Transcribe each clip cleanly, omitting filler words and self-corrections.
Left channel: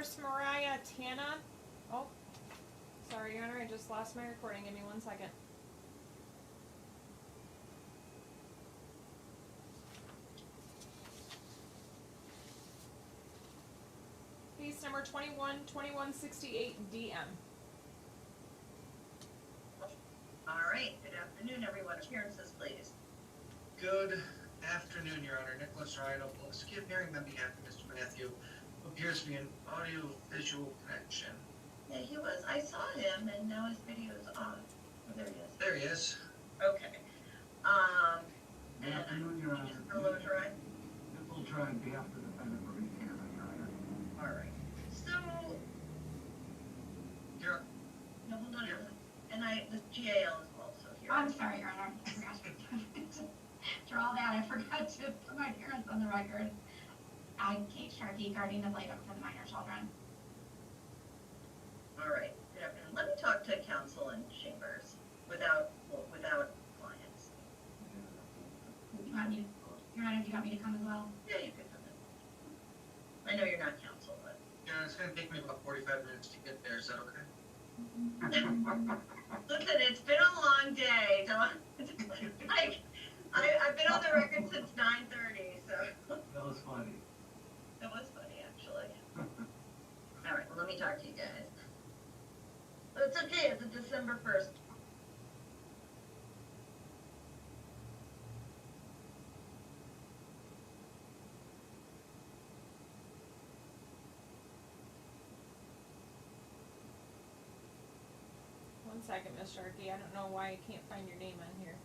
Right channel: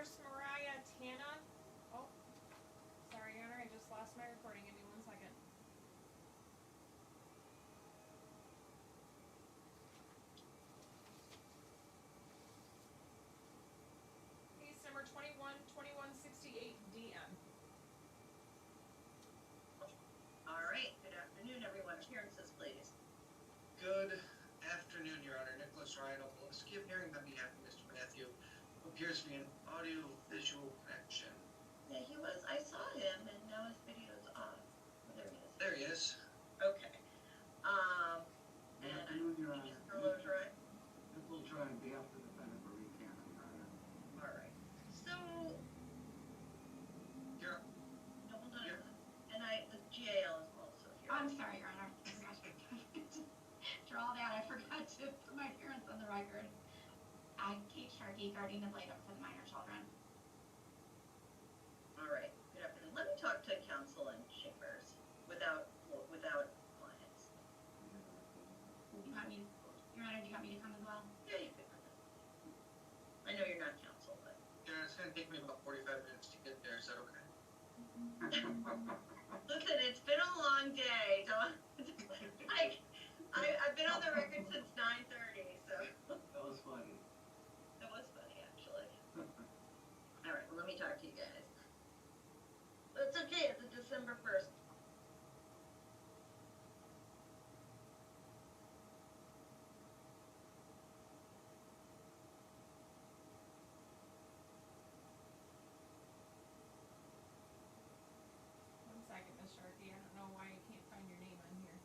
Nurse Mariah Tana. Oh, sorry, Your Honor, I just lost my recording. Give me 1 second. Case number 21-2168 DM. All right, good afternoon, everyone. Appearances, please. Good afternoon, Your Honor. Nicholas Ryan, appearing on behalf of Mr. Matthew, who appears to be an audio-visual connection. Yeah, he was. I saw him, and now his video is off. Oh, there he is. There he is. Okay. Good afternoon, Your Honor. Mr. Logeron? Nicholas Ryan, on behalf of the defendant, Bergh, Canada, Your Honor. All right. So, You're, no, hold on. And the GAL is also here. I'm sorry, Your Honor. I forgot to draw that. I forgot to put my parents on the record. I'm Kate Sharkey, guardian ad litem for the minor children. All right. Good afternoon. Let me talk to counsel and chambers without clients. You want me to, Your Honor, do you want me to come as well? Yeah, you could come in. I know you're not counsel, but. yeah, it's going to take me about 45 minutes to get there. Is that okay? Listen, it's been a long day. I've been on the record since 9:30, so. That was funny. That was funny, actually. All right, well, let me talk to you guys. But it's okay, it's a December 1st. One second, Miss Sharkey. I don't know why I can't find your name on here.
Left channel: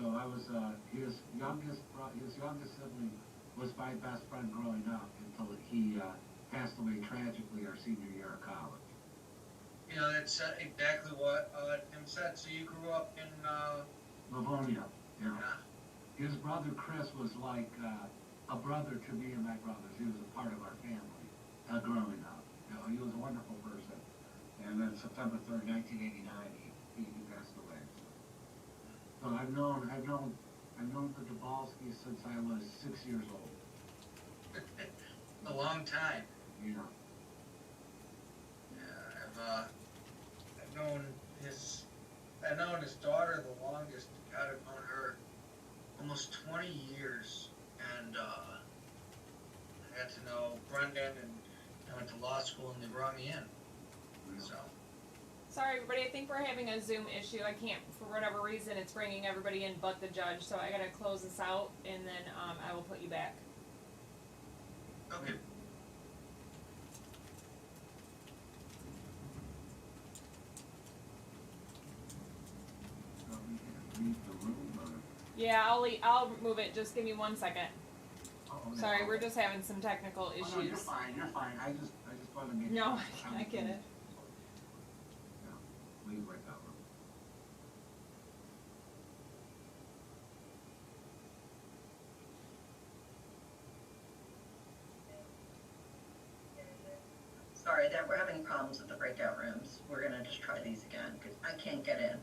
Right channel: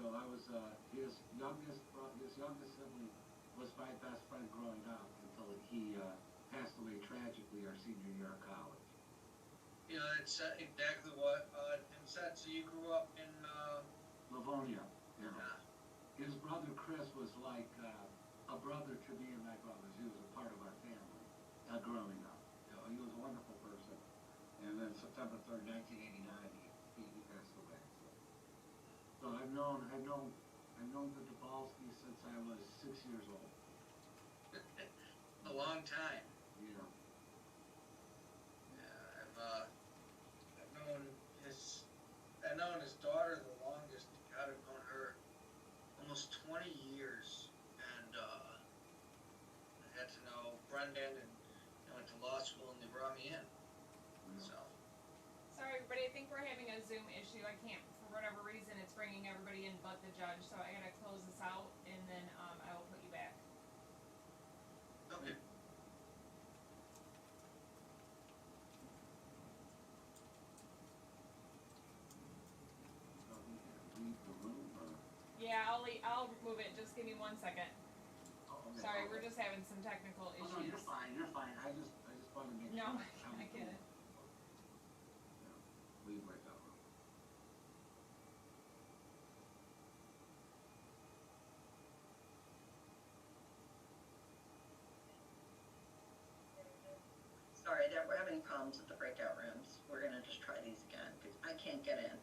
So I was, his youngest sibling was my best friend growing up until he passed away tragically our senior year of college. You know, that's exactly what Tim said. So you grew up in, Livonia, yeah. yeah. His brother Chris was like a brother to me and my brothers. He was a part of our family growing up. You know, he was a wonderful person. And then September 3rd, 1989, he passed away. So I've known the Dabalskis since I was 6 years old. A long time. Yeah. Yeah, I've known his daughter the longest. God, I've known her almost 20 years, and I got to know Brendan, and I went to law school, and they brought me in. So. Sorry, everybody. I think we're having a Zoom issue. I can't, for whatever reason, it's bringing everybody in but the judge. So I gotta close this out, and then I will put you back. Okay. So we had to leave the room. Yeah, I'll move it. Just give me 1 second. Okay. Sorry, we're just having some technical Oh, no, issues. you're fine. You're fine. I just want to make No, sure. I get it. Yeah, leave right that room. Sorry, that we're having problems with the breakout rooms. We're gonna just try these again, because I can't get in.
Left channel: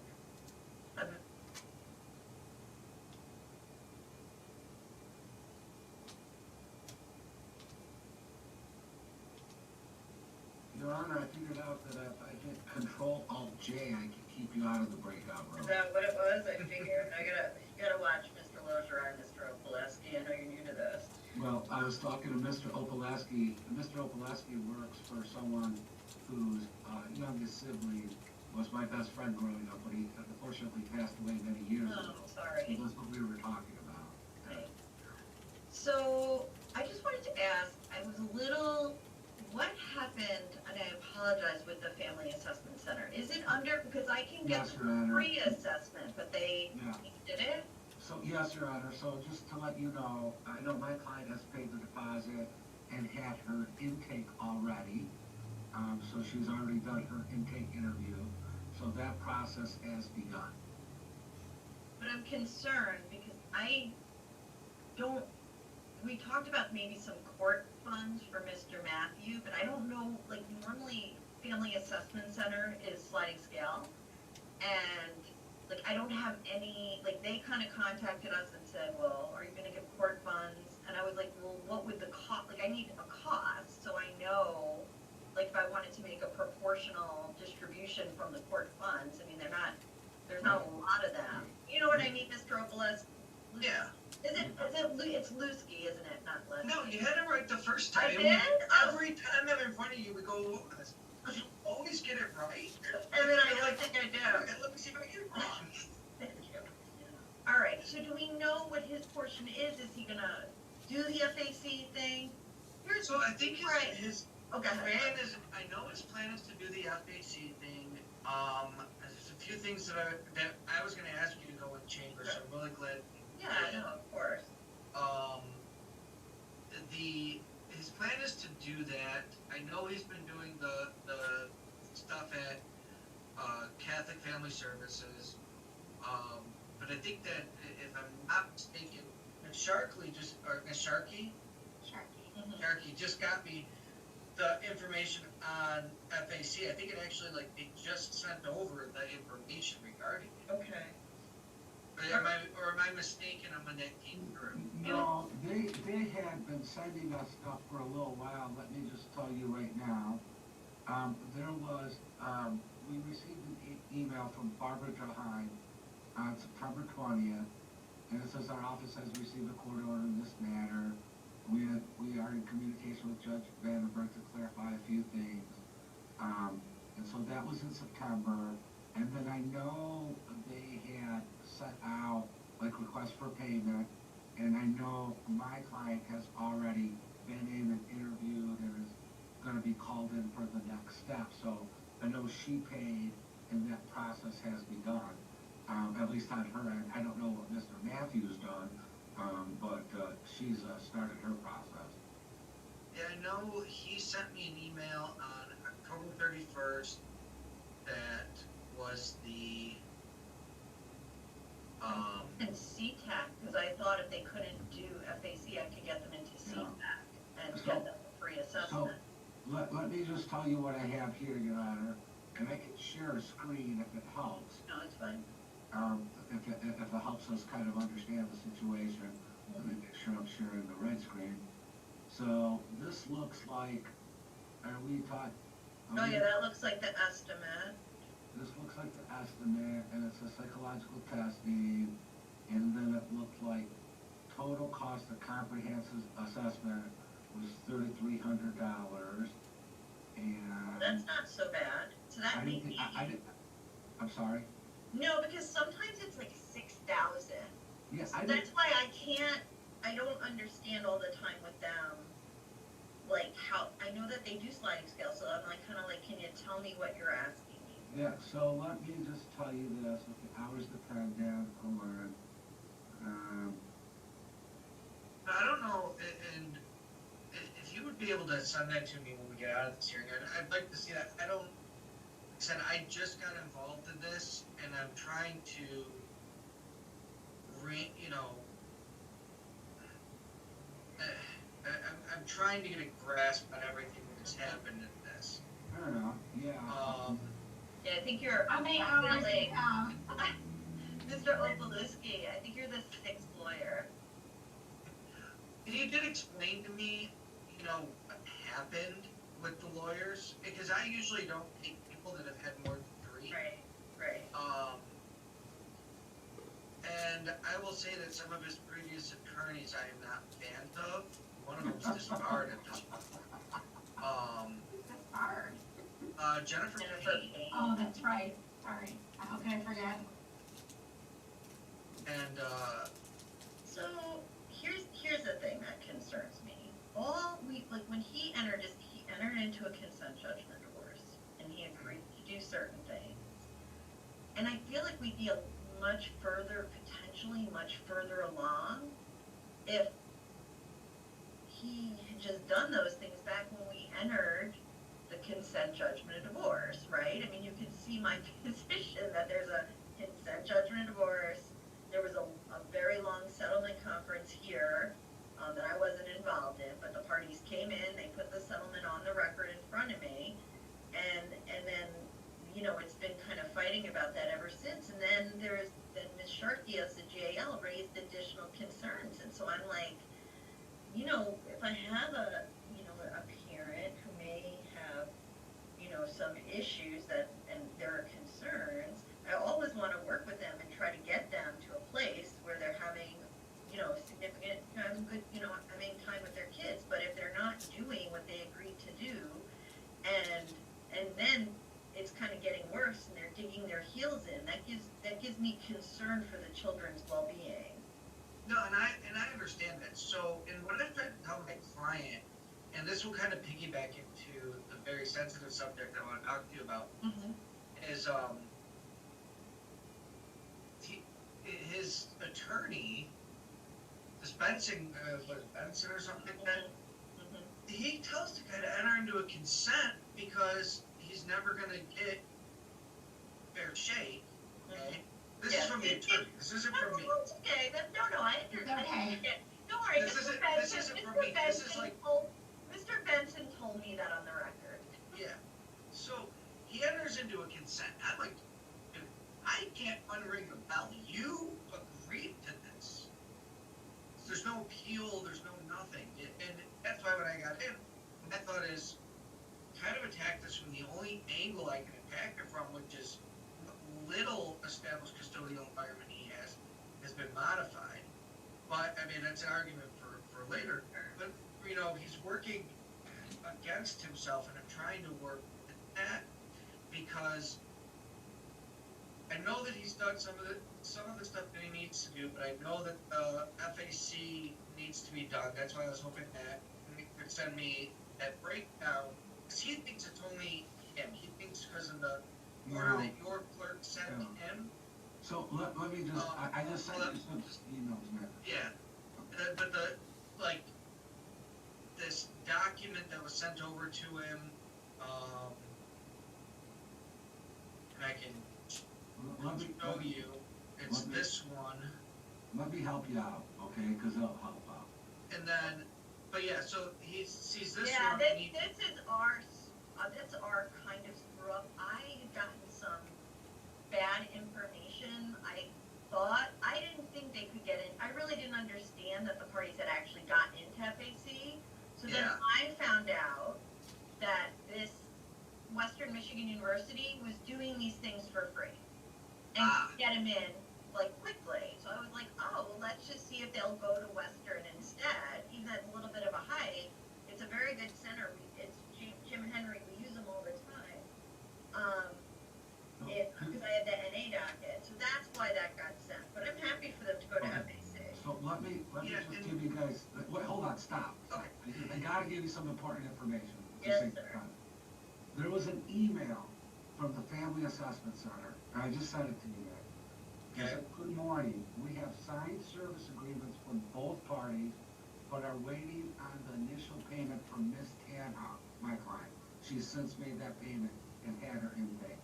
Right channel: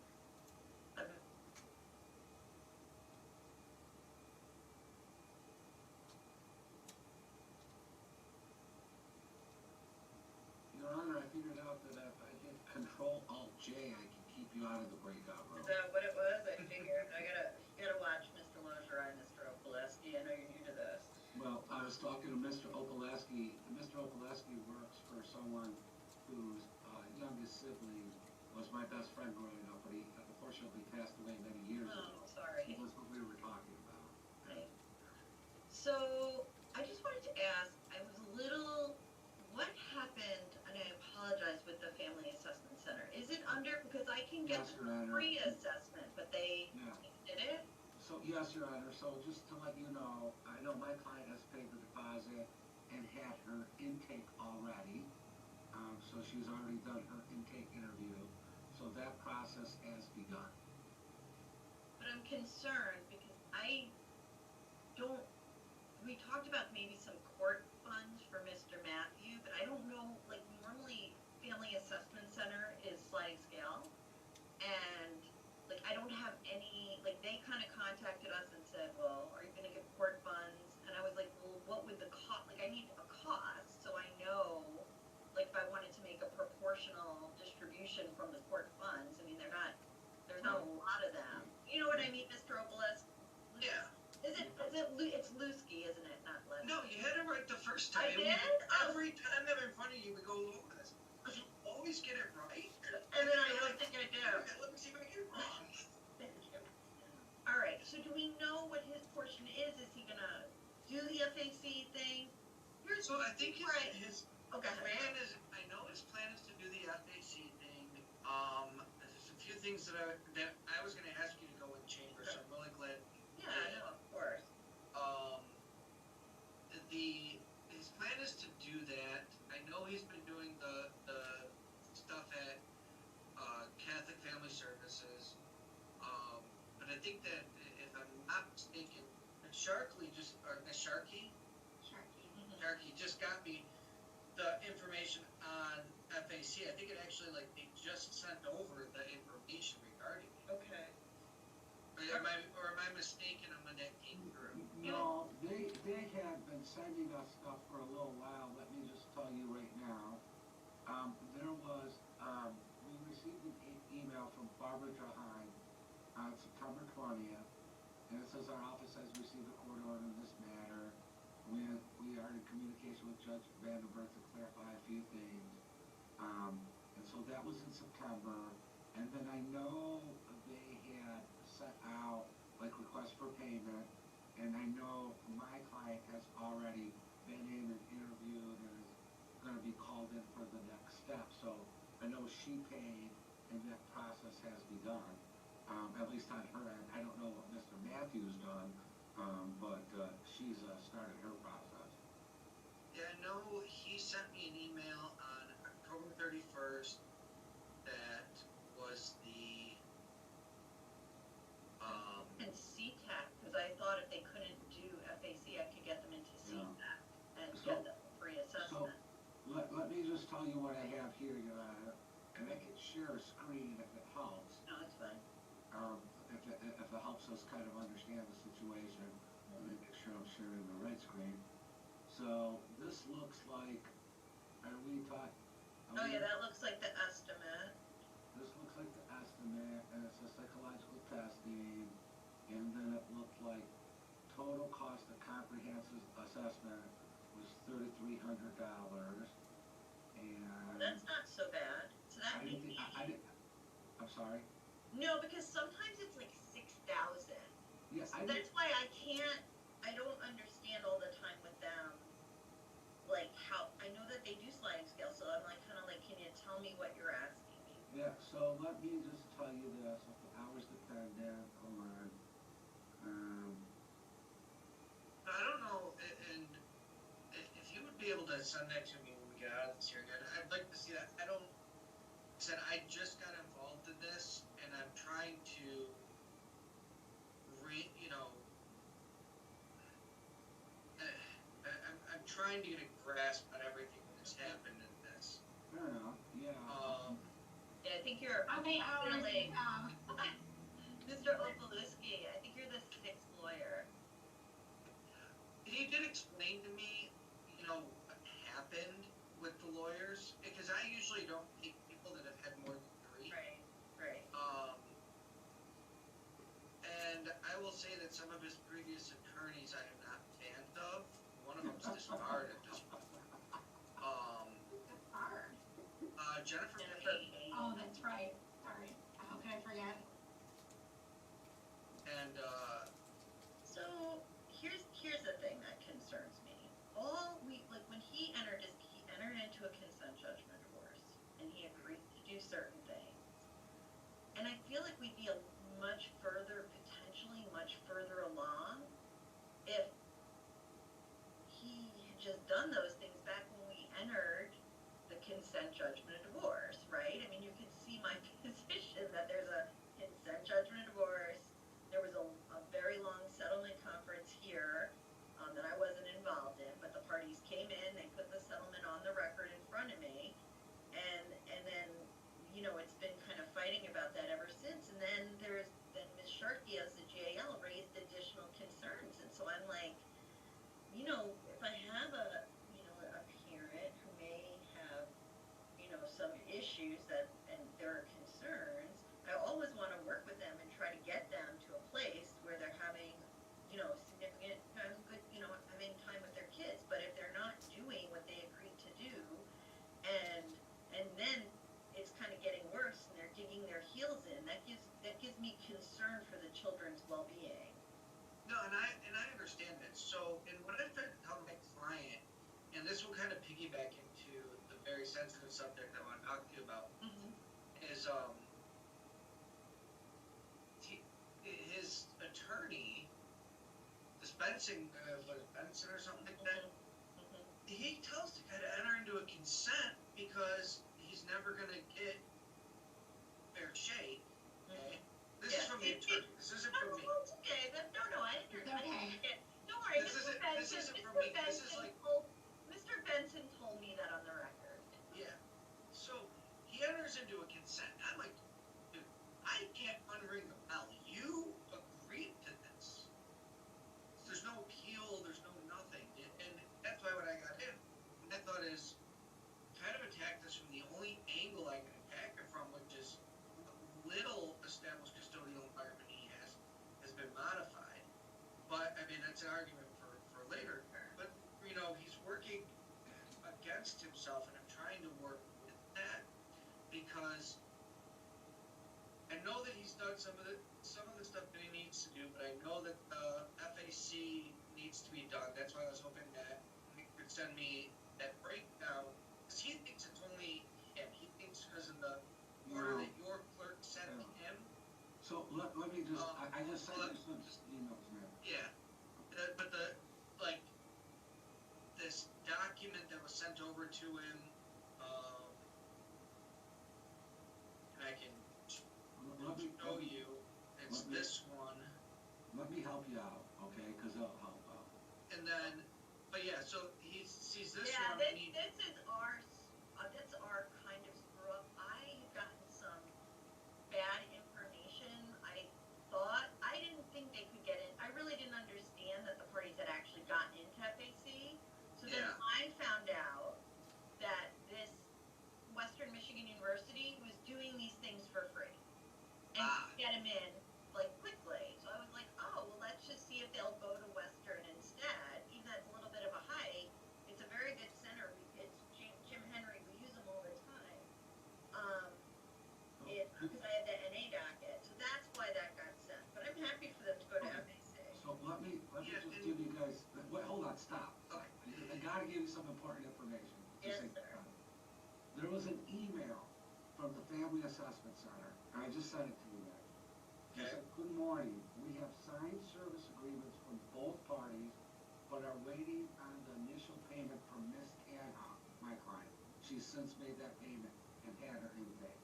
Your Honor, I figured out that if I hit Control-Alt-J, I can keep you out of the breakout room. Is that what it was? I figured. You gotta watch Mr. Logeron and Mr. Opaleski. I know you're new to this. Well, I was talking to Mr. Opaleski. Mr. Opaleski works for someone whose youngest sibling was my best friend growing up, but he unfortunately passed away many years ago. Oh, sorry. So that's what we were talking about. Right. So, I just wanted to ask, what happened, and I apologize, with the Family Assessment Center? Is it under, because I can get Yes, Your Honor. free assessment, but they Yeah. did it? So, yes, Your Honor, so just to let you know, I know my client has paid the deposit and had her intake already. So she's already done her intake interview, so that process has begun. But I'm concerned because we talked about maybe some court funds for Mr. Matthew, but I don't know, like normally Family Assessment Center is sliding scale. And like I don't have any, like, they kind of contacted us and said, well, are you gonna give court funds? And I was like, well, what would the cost, like, I need a cost, so I know, like, if I wanted to make a proportional distribution from the court funds, I mean, there's not a lot of them. You know what I mean, Mr. Obolus? Yeah. It's Lusky, isn't it, not Lusky? No, you had it right the first time. I did? Oh. Every time I'm in front of you, we go over this. You always get it right. And then I don't think I do. Okay, let me see if I get it wrong. Thank you. All right, so do we know what his portion is? Is he gonna do the FAC thing? So I think Right. his Okay. plan is, I know his plan is to do the FAC thing. There's a few things that I was gonna ask you to go with chamber, so I'm really glad. Yeah, no, of course. His plan is to do that. I know he's been doing the stuff at Catholic Family Services. But I think that if I'm not mistaken, Sharky Sharky. Sharky just got me the information on FAC. I think it actually, like, they just sent over the information regarding it. Okay. Am I mistaken on when that came through? No, they had been sending us stuff for a little while. Let me just tell you right now. There was, we received an email from Barbara Jahan on September 20th, and it says our office has received a court order in this matter. We are in communication with Judge Vandenberg to clarify a few things. And so that was in September. And then I know they had sent out like requests for payment, and I know my client has already been in and interviewed and is gonna be called in for the next step. So I know she paid and that process has begun. At least on her end. I don't know what Mr. Matthews done, but she's started her process. Yeah, I know he sent me an email on October 31st that was the And CTAC, because I thought if they couldn't do FAC, I could get them into CTAC and get them a free assessment. Let me just tell you what I have here, Your Honor, and I can share a screen if it helps. No, it's fine. If it helps us kind of understand the situation. Let me make sure I'm sharing the right screen. So this looks like, are we talking? Oh yeah, that looks like the estimate. This looks like the estimate, and it's a psychological testing, and then it looked like total cost of comprehensive assessment was $3,300, and That's not so bad. So that may be. I'm sorry? No, because sometimes it's like 6,000. Yes, So that's why I don't understand all the time with them, like how, I know that they do sliding scale, so I'm like, kind of like, can you tell me what you're asking me? Yeah, so let me just tell you this, if the hours dependent, hold on. I don't know, and if you would be able to send that to me when we get out of this hearing, I'd like to see that. Like I said, I just got involved in this, and I'm trying to I'm trying to get a grasp on everything that's happened in this. Fair enough, yeah. Yeah, I think you're. How many hours? Like, Mr. Obolewski, I think you're the sixth lawyer. He did explain to me, what happened with the lawyers, because I usually don't take people that have had more than 3. Right. And I will say that some of his previous attorneys I am not fans of. One of them's disbarred at this point. That's hard. Jennifer Payne. Oh, that's right. Sorry. How could I forget? And, So here's the thing that concerns me. When he entered into a consent judgment divorce, and he agreed to do certain things. And I feel like we'd be potentially much further along if he had just done those things back when we entered the consent judgment of divorce, right? I mean, you can see my position that there's a consent judgment of divorce. There was a very long settlement conference here that I wasn't involved in, but the parties came in, they put the settlement on the record in front of me, and then, it's been kind of fighting about that ever since. And then there's Sharkey as the JL raised additional concerns, and so I'm like, if I have a parent who may have, some issues and there are concerns, I always want to work with them and try to get them to a place where they're having, significant, having good, having time with their kids. But if they're not doing what they agreed to do, and then it's kind of getting worse and they're digging their heels in, that gives me concern for the children's well-being. No, and I understand that. So, and what I've tried to tell my client, and this will kind of piggyback into the very sensitive subject I want to talk to you about, is his attorney, this Benson, Benson or something like that. He tells the guy to enter into a consent because he's never going to get fair shake. Okay, this is from the attorney. This isn't from me. It's okay. No, I understand. Okay. Don't worry. This isn't from me. This is like Mr. Benson told me that on the record. Yeah. So he enters into a consent. I'm like, dude, I can't unring the bell. You agreed to this. There's no appeal. There's no nothing. And that's why when I got in, my thought is kind of attack this from the only angle I can attack it from, which is little established custodial environment he has been modified. But I mean, that's an argument for later. But he's working against himself, and I'm trying to work with that because I know that he's done some of the stuff that he needs to do, but I know that FAC needs to be done. That's why I was hoping that he could send me that breakdown, because he thinks it's only him. He thinks because of the order that your clerk sent to him. So let me just, I just sent you some emails, man. Yeah, but this document that was sent over to him, and I can Let me show you, it's this one, Let me help you out, okay? Because it'll help out. and then, but yeah, so he sees this Yeah, one, and this is that's our kind of screw up. I had gotten some bad information. I didn't think they could get in. I really didn't understand that the parties had actually gotten into FAC. So then Yeah. I found out that this Western Michigan University was doing these things for free and get them in quickly. So I was like, oh, well, let's just see if they'll go to Western instead. Even though it's a little bit of a hike, it's a very good center. It's Jim and Henry. We use them all the time. Because I had the NA docket, so that's why that got sent. But I'm happy for them to go to FAC. So let me just give you guys, wait, hold on, stop. Okay. I gotta give you some important information. Yes, Just sir. There was an email from the Family Assessment Center, and I just sent it to you guys. It said, good morning, we have signed service agreements from both parties, but are waiting on the initial payment from Miss Tanhoff, my client. She's since made that payment and had her intake.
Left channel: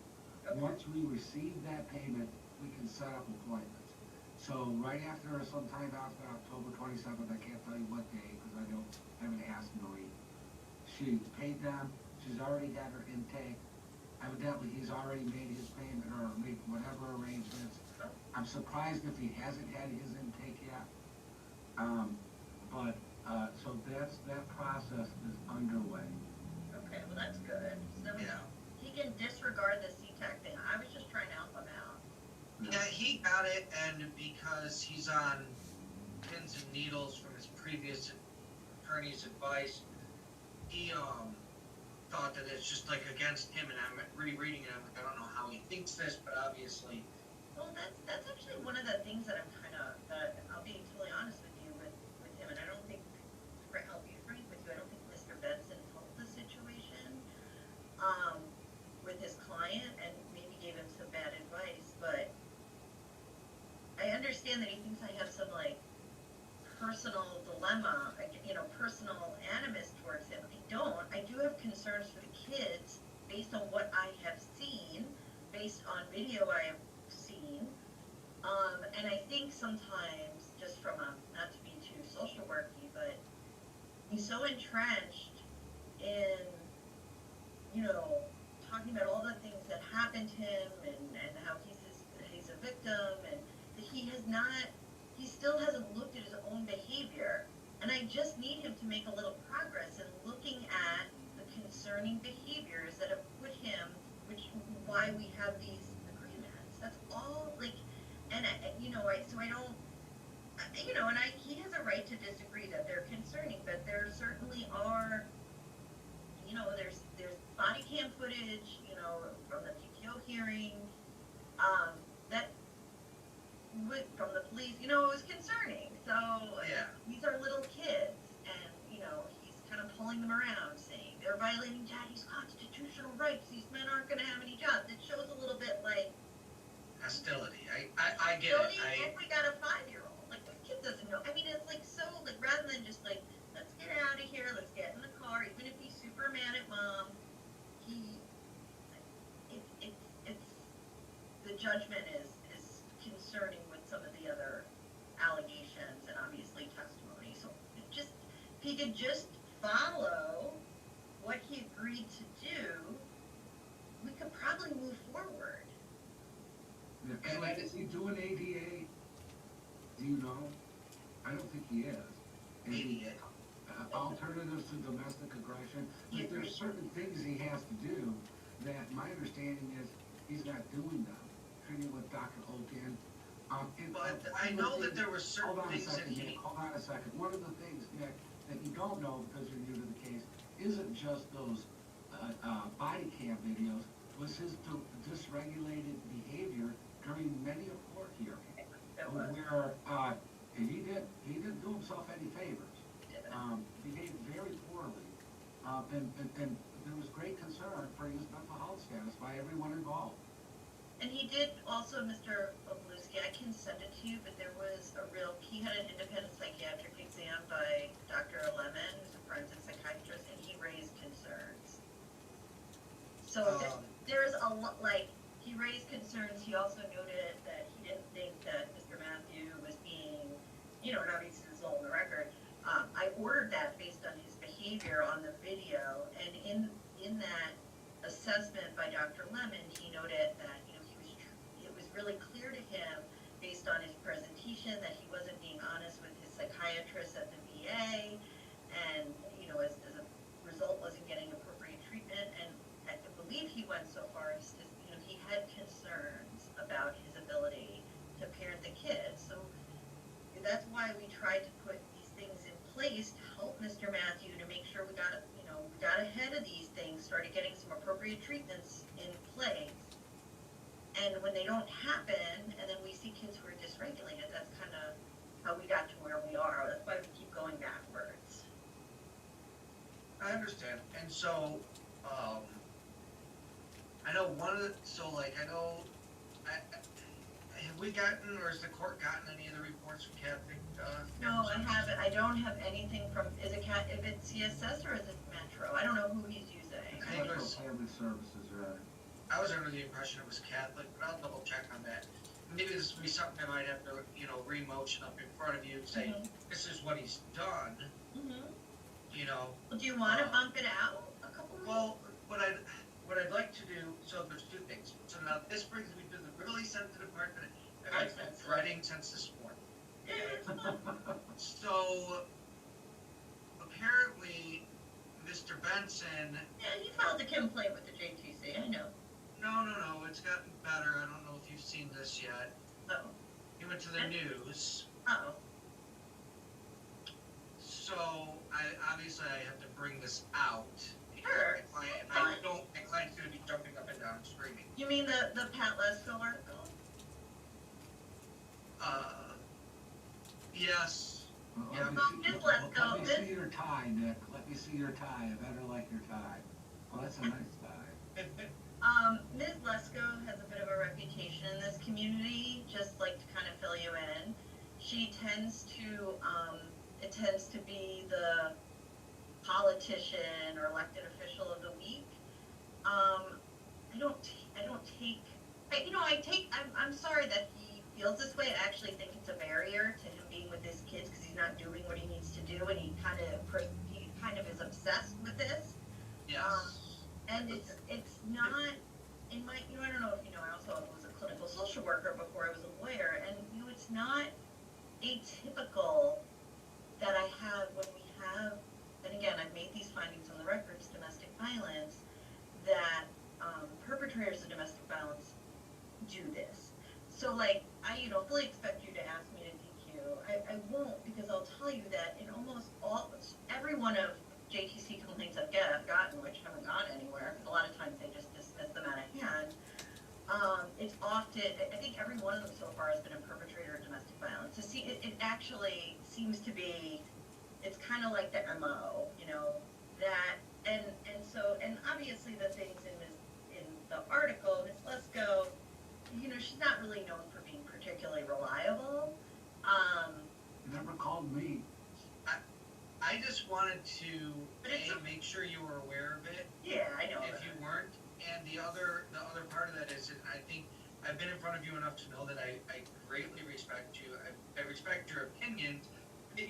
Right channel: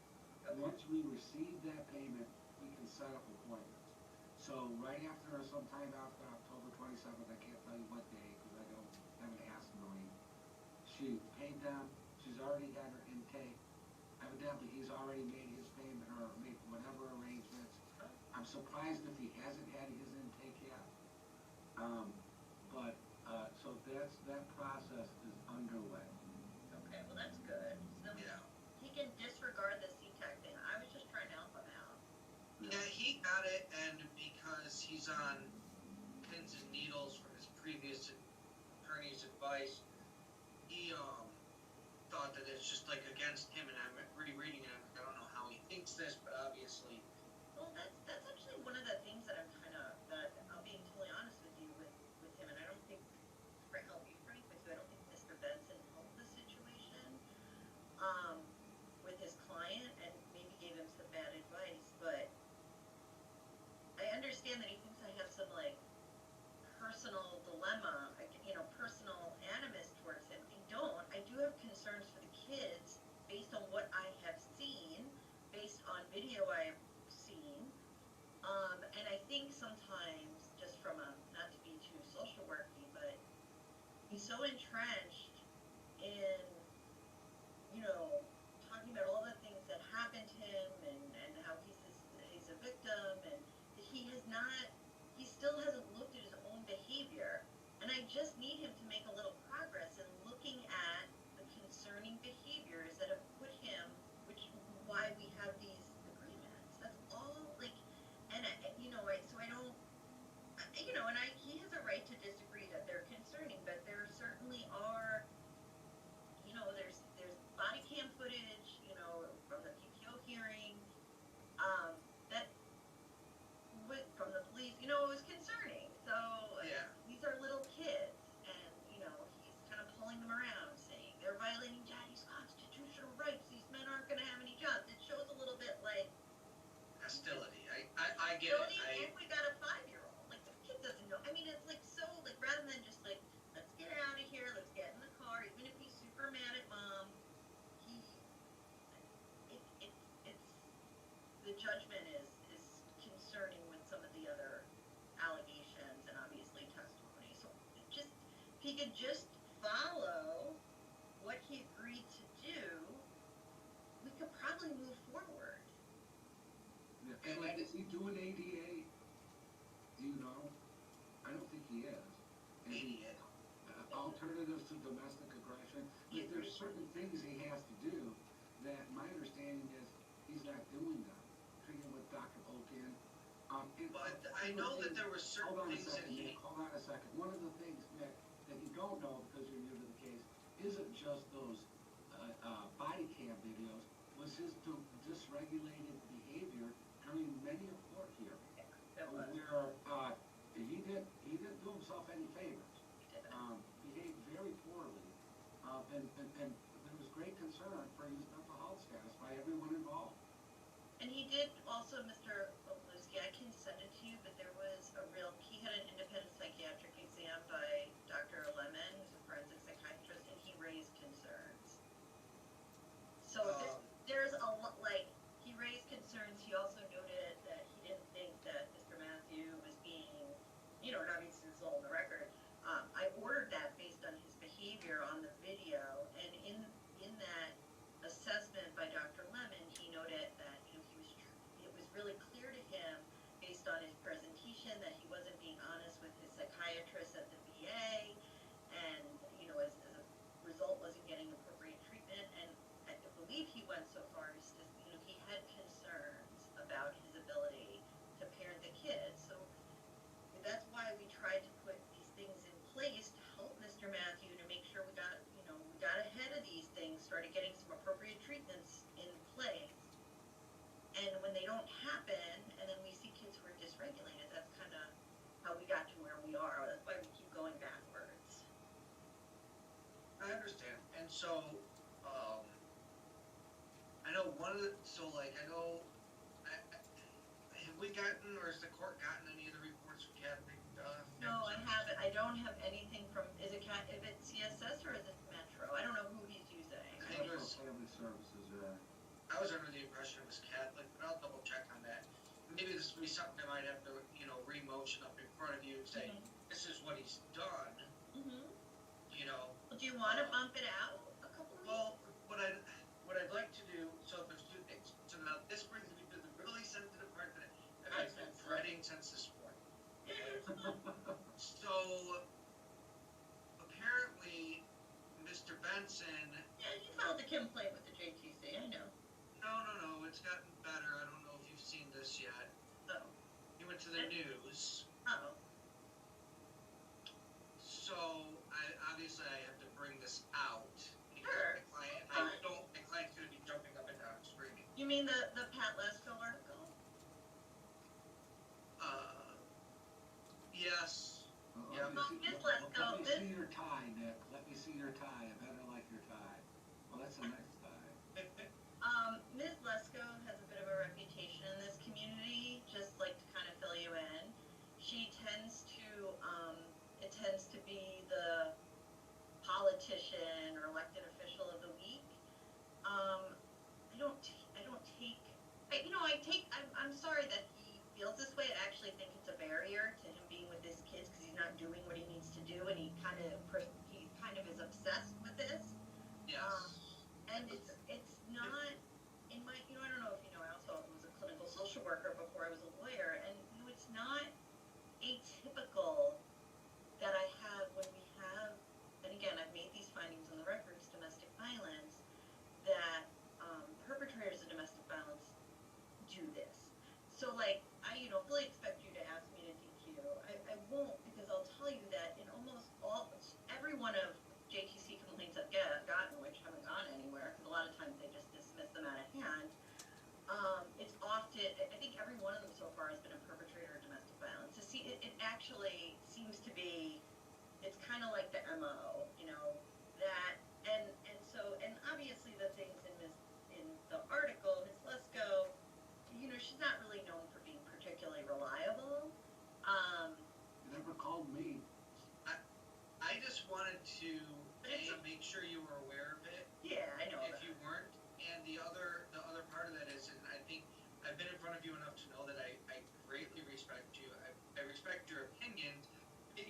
Once we receive that payment, we can set up appointments. So right after, sometime after October 27th, I can't tell you what day, because I haven't asked Marie. She paid them, she's already had her intake. Evidently, he's already made his payment or made whatever arrangements. I'm surprised if he hasn't had his intake yet. So that process is underway. Okay, well, that's good. So Yeah. he can disregard the CTAC thing. I was just trying to help him out. Yeah, he got it, and because he's on pins and needles from his previous attorney's advice, he thought that it's just against him, and I'm rereading it. I don't know how he thinks this, but obviously, Well, that's actually one of the things that I'm that I'll be totally honest with you with him, and I don't think, I'll be frank with you, I don't think Mr. Benson helped the situation with his client and maybe gave him some bad advice, but I understand that he thinks I have some personal dilemma, personal animus towards him. I don't. I do have concerns for the kids based on what I have seen, based on video I have seen. And I think sometimes, just from not to be too social worky, but he's so entrenched in, talking about all the things that happened to him and how he's a victim, and that he he still hasn't looked at his own behavior. And I just need him to make a little progress in looking at the concerning behaviors that have put him, why we have these agreements. That's all, like, and so I don't, he has a right to disagree that they're concerning, but there certainly are, there's body cam footage, from the PTO hearing, that from the police, it was concerning. So Yeah. these are little kids, and he's kind of pulling them around, saying they're violating daddy's constitutional rights. These men aren't going to have any jobs. It shows a little bit like Hostility. I get it. And we got a 5-year-old. Like, this kid doesn't know. I mean, it's like so, like, rather than just like, let's get out of here, let's get in the car, even if he's super mad at mom, it's the judgment is concerning with some of the other allegations and obviously testimony. So if he could just follow what he agreed to do, we could probably move forward. Yeah, and like, is he doing ADA? Do you know? I don't think he is. ADA. Alternatives to domestic aggression. But there's certain things he has to do that my understanding is he's not doing them. Treating with Dr. Hogan. But I know that there were certain things that Hold on a second. One of the things, Nick, that you don't know because you're new to the case isn't just those body cam videos. Was his dysregulated behavior during many a court hearing, where he didn't do himself any favors. Behaved very poorly, and there was great concern for his mental health status by everyone involved. And he did also, Mr. Obluski, I can send it to you, but he had an independent psychiatric exam by Dr. Lemon, who's a forensic psychiatrist, and he raised concerns. So there's a lot, like, he raised concerns. He also noted that he didn't think that Mr. Matthew was being, and obviously this is all on the record. I ordered that based on his behavior on the video, and in that assessment by Dr. Lemon, he noted that it was really clear to him based on his presentation that he wasn't being honest with his psychiatrist at the VA, and as a result wasn't getting appropriate treatment. And I believe he went so far as to he had concerns about his ability to parent the kids. So that's why we tried to put these things in place to help Mr. Matthew, to make sure we got ahead of these things, started getting some appropriate treatments in place. And when they don't happen, and then we see kids who are dysregulated, that's kind of how we got to where we are. That's why we keep going backwards. I understand. And so, I know have we gotten, or has the court gotten any of the reports from Catholic? No, I haven't. I don't have anything from, if it's CSS or is it Metro? I don't know who he's using. I think it was Family Services, right? I was under the impression it was Catholic, but I'll double check on that. Maybe this will be something I might have to, re-motion up in front of you and say, this is what he's done, Do you want to bump it out a couple of Well, what I'd like to do, so there's two things. So now this brings me to the really sensitive part that I've been dreading since this morning. So, apparently, Mr. Benson... Yeah, he filed a complaint with the JTC, I know. No, it's gotten better. I don't know if you've seen this yet. Oh. He went to the news. Oh. So, obviously I have to bring this out. Sure. My client's going to be jumping up and down and screaming. You mean the Pat Lesko article? Yes. Let me see your tie, Nick. Let me see your tie. I better like your tie. Well, that's a nice tie. Ms. Lesko has a bit of a reputation in this community, just like to kind of fill you in. She tends to be the politician or elected official of the week. I'm sorry that he feels this way. I actually think it's a barrier to him being with his kids because he's not doing what he needs to do, and he kind of is obsessed with this. Yes. And it's not in my, I don't know if I also was a clinical social worker before I was a lawyer, and it's not So like, I, fully expect you to ask me to DQ. I won't, because I'll tell you that in almost every one of JTC complaints I've gotten, which haven't gone anywhere, because a lot of times they just dismiss them out of hand, it's often, I think every one of them so far has been a perpetrator of domestic violence. So see, it actually seems to be, it's kind of like the MO, that, and obviously the things in the article, Ms. Lesko, she's not really known for being particularly reliable. Never called me. I just wanted to But make sure you were aware of it Yeah, I know. if you weren't. And the other part of that is, and I think I've been in front of you enough to know that I greatly respect you. I respect your opinions, and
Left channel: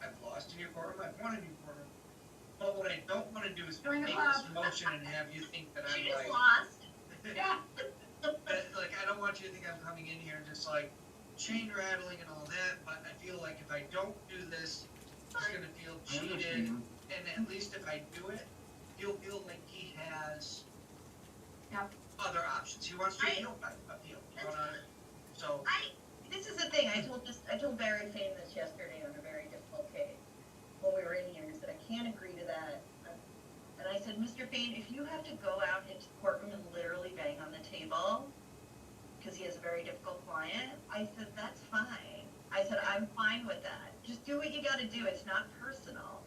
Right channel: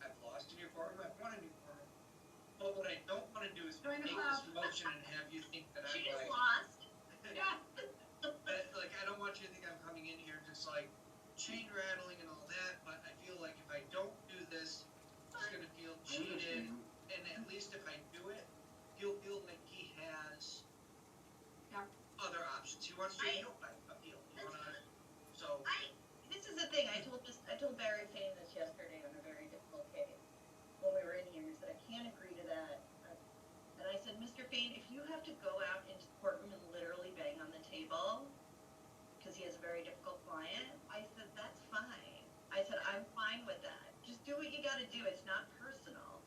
I've lost in your courtroom, I've won in your courtroom. But what I don't want to do is Join the make club. this motion and have you think that I'm She just like, lost. Yeah. like, I don't want you to think I'm coming in here just like chain rattling and all that, but I feel like if I don't do this, he's gonna feel I cheated, understand. and at least if I do it, he'll feel like he has Yep. other options. He wants to appeal. So This is the thing, I told Barry Fane this yesterday on a very difficult case, when we were in here, and I said, I can't agree to that. And I said, Mr. Fane, if you have to go out into the courtroom and literally bang on the table, because he has a very difficult client, I said, that's fine. I said, I'm fine with that. Just do what you gotta do, it's not personal.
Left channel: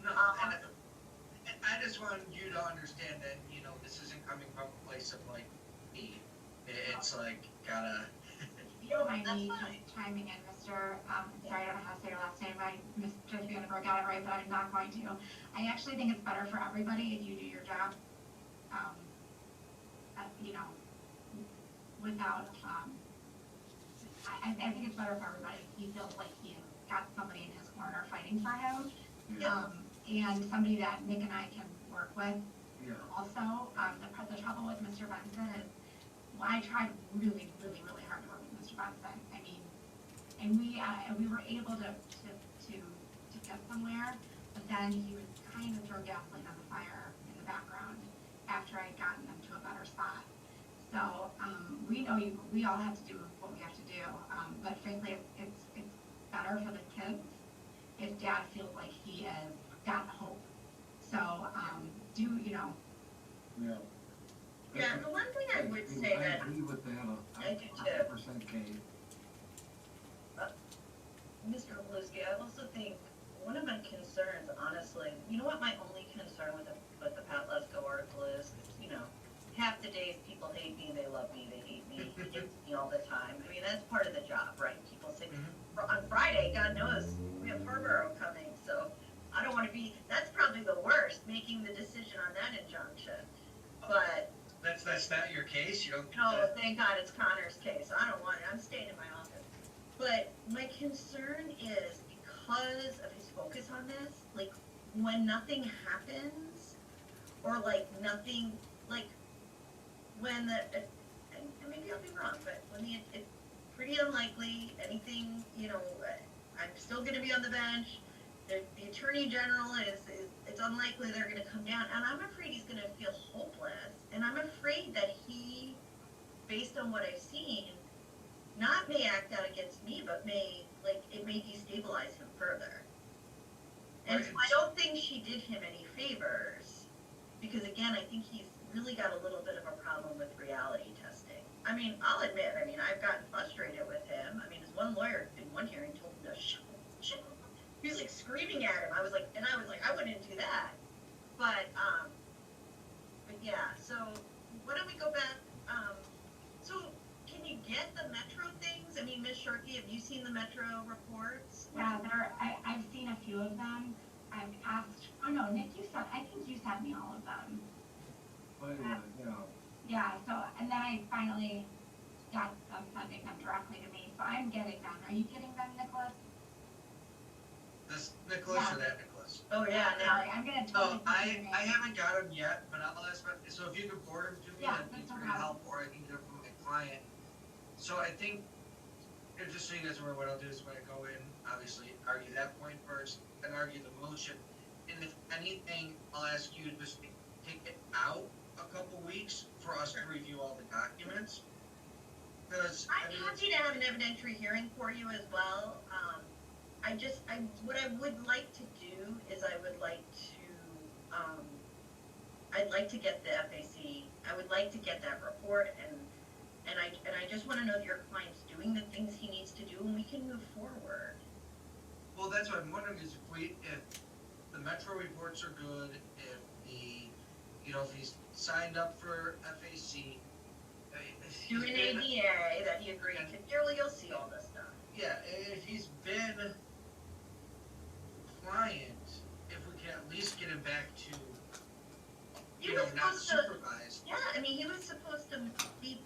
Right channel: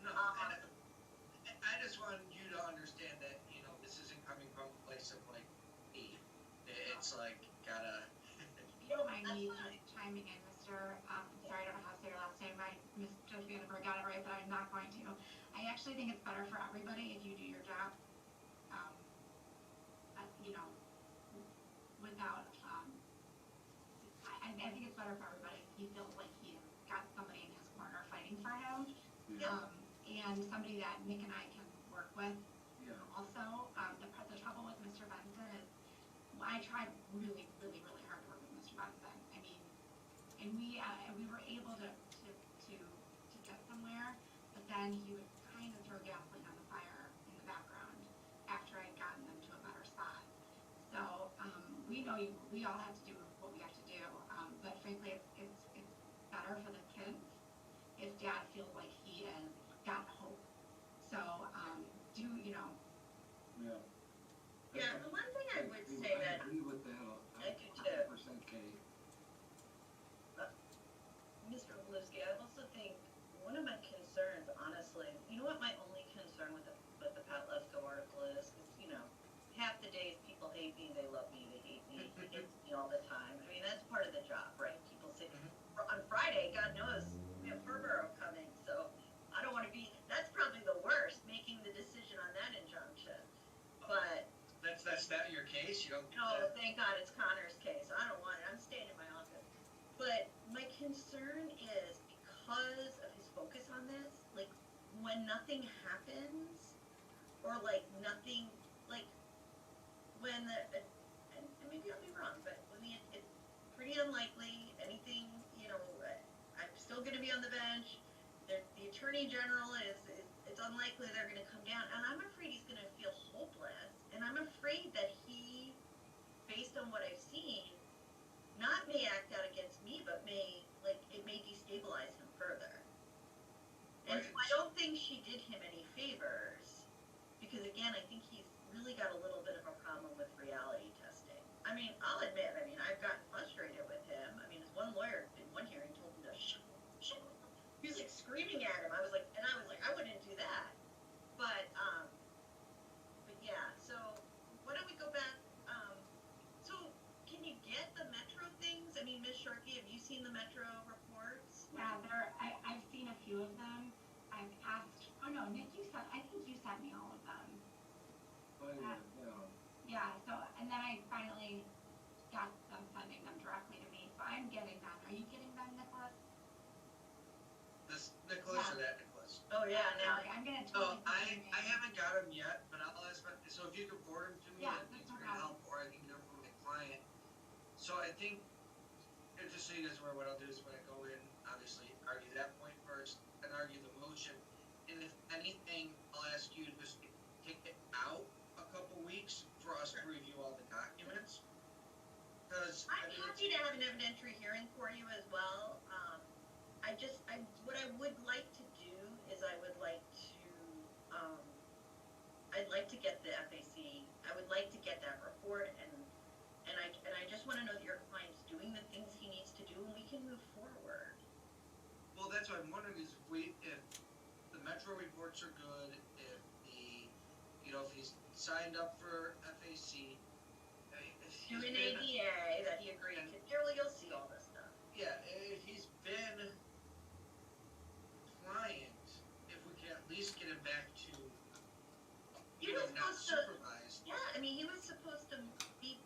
no, and I just want you to understand that this isn't coming from a place of like me. It's like gotta. If you don't mind That's me fine. just chiming in, Mr. Sorry, I don't know how to say your last name. I misjudged me if I got it right, but I'm not going to. I actually think it's better for everybody if you do your job, without, I think it's better for everybody if he feels like he's got somebody in his corner fighting for him. Yeah. And somebody that Nick and I can work with. Yeah. Also, the trouble with Mr. Benson is, I tried really, really, really hard to work with Mr. Benson. I mean, and we were able to get somewhere, but then he would kind of throw gasoline on the fire in the background after I'd gotten them to a better spot. So, we know we all have to do what we have to do, but frankly, it's better for the kids if dad feels like he has got hope. So, Yeah. Yeah, the one thing I would say that, I agree with that, I do too. 100% Kate. Mr. Oluski, I also think one of my concerns, honestly, you know what my only concern with the Pat Lesko article is, half the days people hate me, they love me, they hate me, he hates me all the time. I mean, that's part of the job, right? People say, on Friday, God knows, we have Harborough coming, so I don't want to be, that's probably the worst, making the decision on that injunction. But That's not your case. You don't. no, thank God it's Connor's case. I don't want it. I'm staying in my office. But my concern is because of his focus on this, like when nothing happens, or like nothing, like when and maybe I'll be wrong, but when it's pretty unlikely anything, I'm still going to be on the bench. The attorney general it's unlikely they're going to come down, and I'm afraid he's going to feel hopeless, and I'm afraid that he, based on what I've seen, not may act out against me, but it may destabilize him further. And so I don't think she did him any favors, because again, I think he's really got a little bit of a problem with reality testing. I mean, I'll admit, I've gotten frustrated with him. I mean, his one lawyer in one hearing told him to shut. He was like screaming at him. I was like, I wouldn't do that. But yeah, so why don't we go back? So can you get the Metro things? I mean, Ms. Sharkey, have you seen the Metro reports? Yeah, I've seen a few of them. I've asked, Nick, I think you sent me all of them. But, Yeah, so, and then I finally got them sending them directly to me, so I'm getting them. Are you getting them, Nicholas? This Nicholas Yeah. or that Nicholas? Oh yeah, now Sorry, I'm gonna Oh, totally. I haven't got them yet, but I'll ask. So if you could forward them to me, Yeah, that'd be that's no pretty problem. helpful, or I can get them from my client. So I think, and just so you guys are aware, what I'll do is when I go in, obviously argue that point first, and argue the motion. And if anything, I'll ask you to just take it out a couple weeks for us to review all the documents. Because happy to have an evidentiary hearing for you as well. What I would like to do is I'd like to get the FAC, I would like to get that report, and I just wanna know that your client's doing the things he needs to do, and we can move forward. Well, that's what I'm wondering is if the Metro reports are good, if if he's signed up for FAC, if Do he's an been, ADA that he agreed to, you'll see all this stuff. yeah, if he's been compliant, if we can at least get him back to, He was not supposed to, supervised. yeah, I mean, he was supposed to be,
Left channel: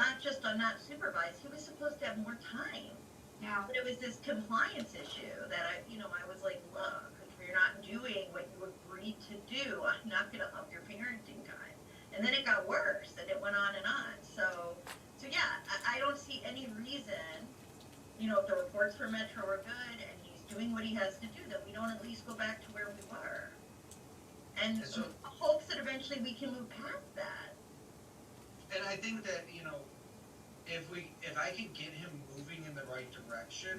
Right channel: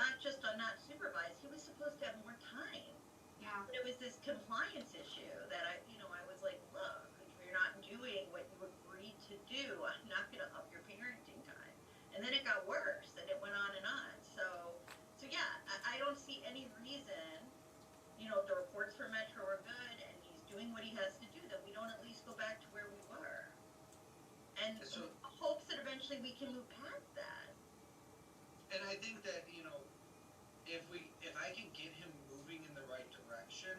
not just on not supervised, he was supposed to have more time. Yeah, But it was this compliance issue that I was like, look, if you're not doing what you agreed to do, I'm not gonna up your parenting time. And then it got worse, and it went on and on. So yeah, I don't see any reason, if the reports for Metro are good and he's doing what he has to do, that we don't at least go back to where we were. And So- hopes that eventually we can move past that. And I think that, if I can get him moving in the right direction,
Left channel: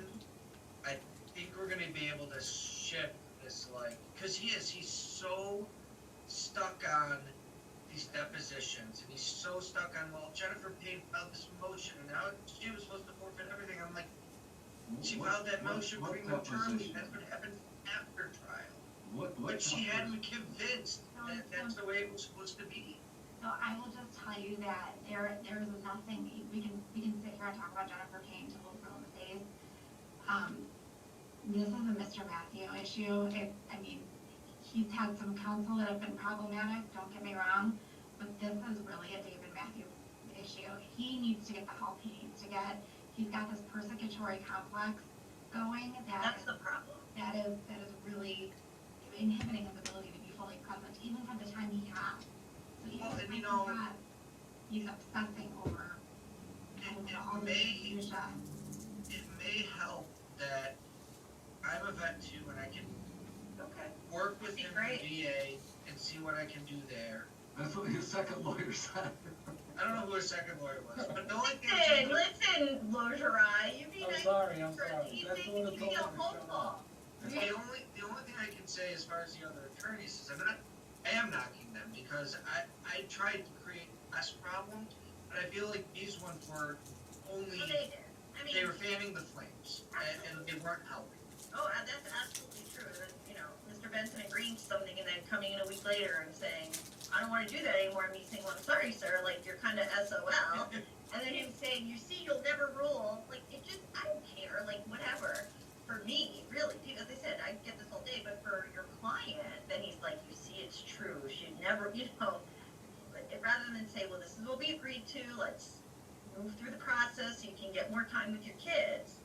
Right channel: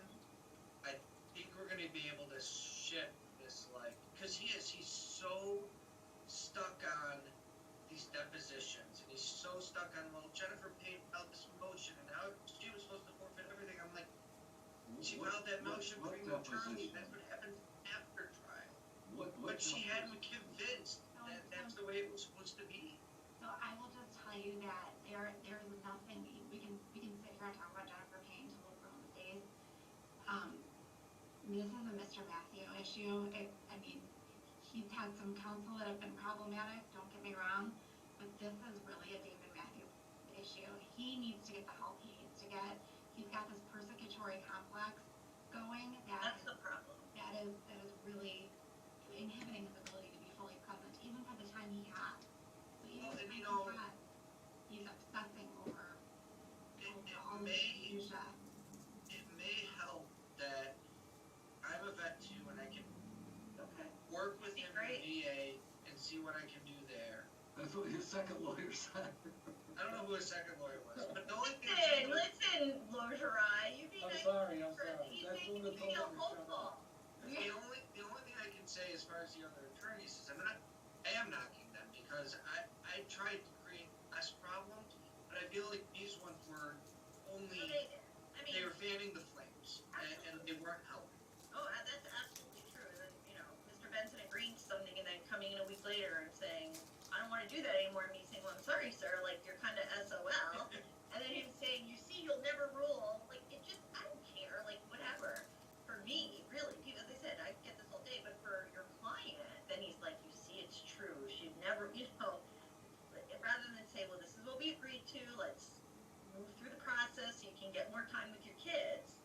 I think we're gonna be able to shift this, cause he's so stuck on these depositions, and he's so stuck on, well, Jennifer paid out this motion, and now she was supposed to forfeit everything. I'm like, she filed that motion for no attorney, that's what happens after trial. But she had me convinced that that's the way it was supposed to be. so I will just tell you that there's nothing, we can sit here and talk about Jennifer Payne till we're blue in the face. This is a Mr. Matthew issue. He's had some counsel that have been problematic, don't get me wrong, but this is really a David Matthew issue. He needs to get the help he needs to get. He's got this persecutory complex going That's the problem. that is really inhibiting his ability to be fully present, even for the time he has. So even Well, and he's obsessing over all this minutia. It may help that I'm a vet too, and I can Okay. work with That'd be him in great. the VA and see what I can do there. That's what his second lawyer said. I don't know who his second lawyer was, but the only thing Listen, Logerai, you be I'm nice. sorry. He's That's the one that making told me me feel to shut hopeful. up. the only thing I can say as far as the other attorneys is I am knocking them because I tried to create less problems, but I feel like these ones were only So they did. I mean, they were fanning the flames and they weren't helping. oh, that's absolutely true. That, Mr. Benson agreeing to something and then coming in a week later and saying, I don't want to do that anymore. And me saying, well, I'm sorry, sir. Like, you're kind of SOL. And then him saying, you see, you'll never rule. Like, I don't care. Like, whatever. For me, really, as I said, I get this all day. But for your client, then he's like, you see, it's true. She'd never, rather than say, well, this is what we agreed to. Let's move through the process so you can get more time with your kids.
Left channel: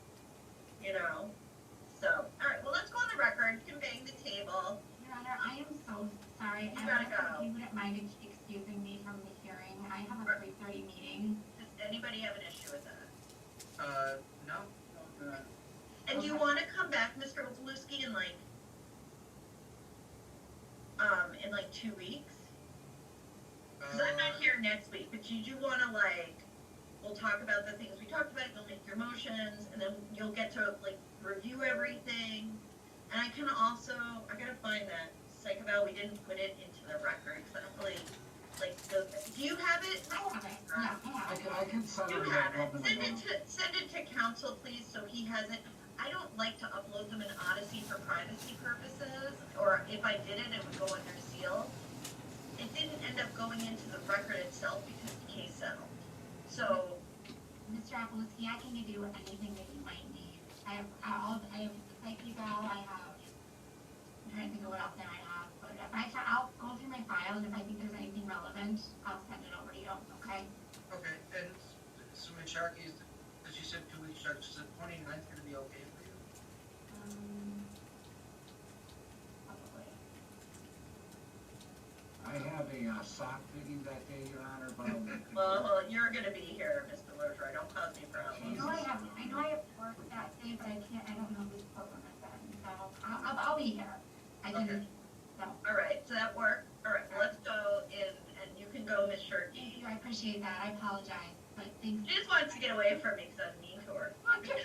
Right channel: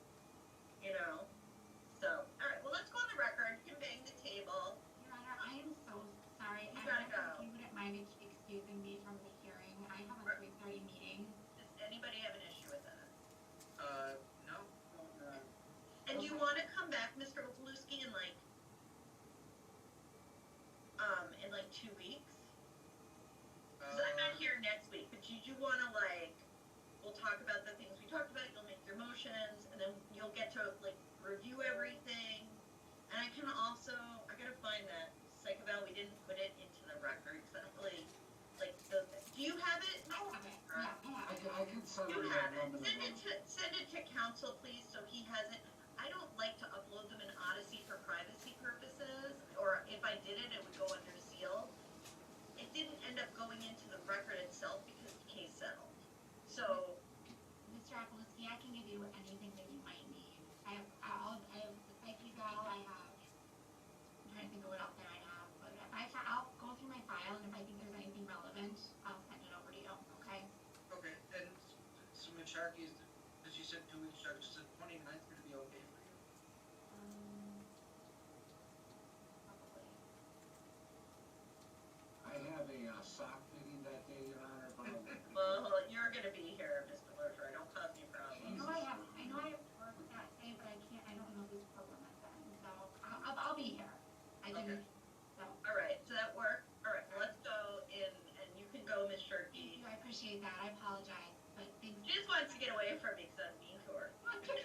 So, all right, well, let's go on the record. You can bang the table. Your Honor, I am so sorry. You gotta go. If you wouldn't mind excusing me from the hearing, I have a 3:30 meeting. Does anybody have an issue with that? No. And do you want to come back, Mr. Opaluski, in 2 weeks? Because I'm not here next week, but did you want to we'll talk about the things we talked about, you'll make your motions, and then you'll get to review everything. And I can also, I gotta find that psych eval, we didn't put it into the record, because I don't really, do you have it? I have it, yeah, I have it. I can send You it. have it. Send it to council, please, so he has it. I don't like to upload them in Odyssey for privacy purposes, or if I did it, it would go under seal. It didn't end up going into the record itself because the case settled. So, Mr. Apolloski, I can give you anything that you might need. I have the psych eval, I'm trying to think of what else I might have, but I'll go through my file, and if I think there's anything relevant, I'll send it over to you, okay? Okay, and so Sharky, as you said 2 weeks, Sharky, is the 29th gonna be okay for you? Probably. I have a sock fitting that day, Your Honor, but I'll make it. well, you're gonna be here, Mr. Logeroy, don't cause me problems. I know I have work that day, but I don't know whose program it's in, so I'll be here. Okay. All right, so that worked. All right, well, let's go in, and you can go, Miss Sharkey. Thank you, I appreciate that, I apologize. things. She just wants to get away from me because I'm mean to her. Well, Jimmy,